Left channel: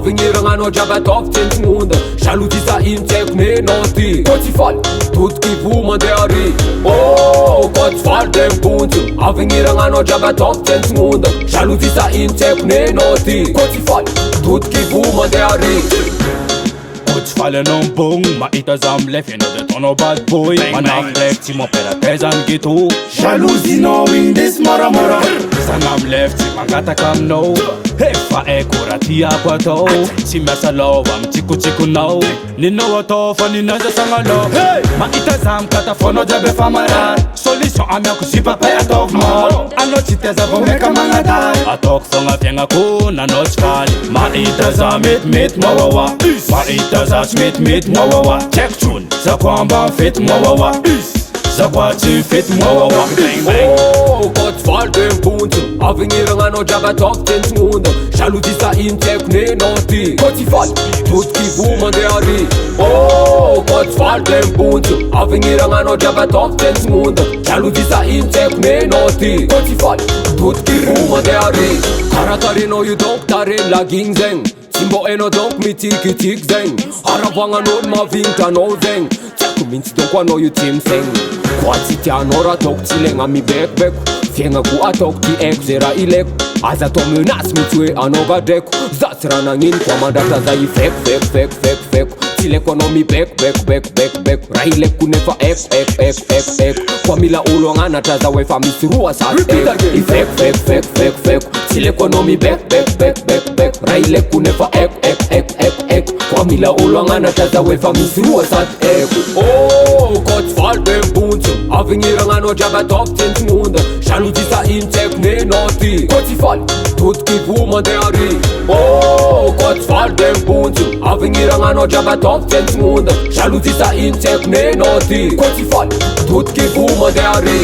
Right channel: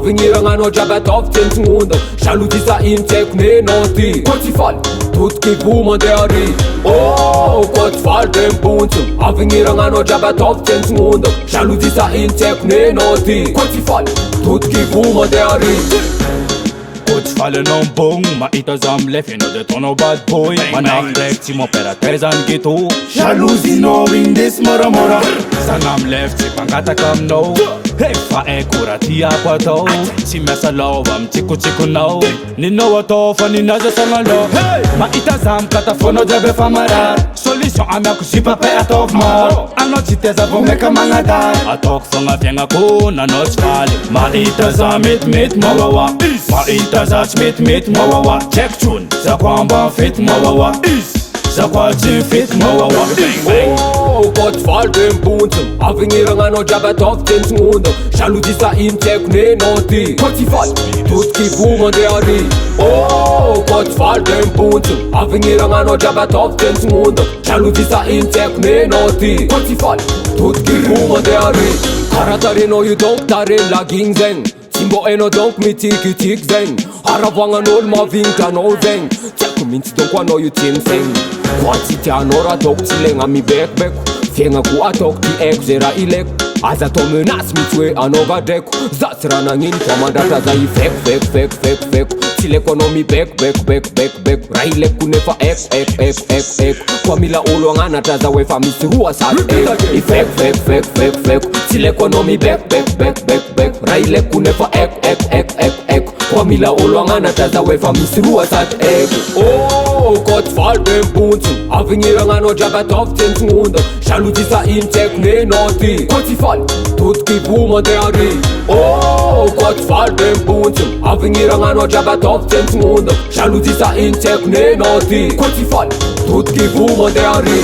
avy gn'iragnanao jiaby ataovy tsentsignonda jalozy sa ino tsy haiko nenao ty koa tsy faly totiky vo mandeha ary koa tsy faly de mibontsina avy gn'iragnanao jiaby ataovy tsentsignonda jalozy sa ino tsy haiko nenao ty koa tsy faly totiky vo mandeha ary koa tsy faly anao mbogno mahita za amilefy anao de ataonao bad boy manafy ndraiky tsy mamperaky zany geto jalozinao indesy moramora zana amilefy tsy mangataka aminao efa aiko raha tiako atao tsy miasa lova mitsikotsikonao ninao atao fa ninaza sagnalao mahita za mikatafonao jiaby efa marary solution amiako zipapay ataovy maro anao tsy tia zavo meka magnadary ataoko fogna fiaignako nanao tsy faly mahita za metimety mawawa mahita za tsy metimety mawawa tsy haiko tsony za ko amba mifety mawawa za ko tsy mifety mawawa koa tsy faly de mibontsina avy gn'iragnanao jiaby ataovy tsentsignonda jalozy sa ino tsy haiko nenao ty koa tsy faly totiky vo mandeha ary koa tsy faly de mibontsina avy gn'iragnanao jiaby ataovy tsentsignonda jalozy sa ino tsy haiko nenao ty koa tsy faly totiky vo mandeha ary karaha tarenao io donc tareny lagigny zegny tsy mbô hainao donc mitikitiky zegny aravoagnan'olo mavignitra anao zegny tsy haiko mihitsy donc anao io tsy misaigny koa tsy tianao raha ataoko tsy ilaigna mibekibeko fiaignako ataoko ty haiko zay raha ilaiko aza atao menasy mihitsy hoe anao gadraiko za tsy raha nagnino koa mandratra za ifekofekofekofekofeko tsy ilaiko anao mibekobekobekobekobeko raha ilaiko nefa eko koa mila olo agnanatra za hoe fa misy roa sady eko ifekofekofekofekofeko tsy ilaiko anao mibekobekobekobekobeko raha ilaiko nefa eko koa mila olo agnanatra za hoe fa misy roa sady eko koa tsy faly de mibontsina avy gn'iragnanao jiaby ataovy tsentsignonda jalozy sa ino tsy haiko nenao ty koa tsy faly totiky vo mandeha ary koa tsy faly de mibontsina avy gn'iragnanao jiaby ataovy tsentsignonda jalozy sa ino tsy haiko nenao ty koa tsy faly totiky vo mandeha ary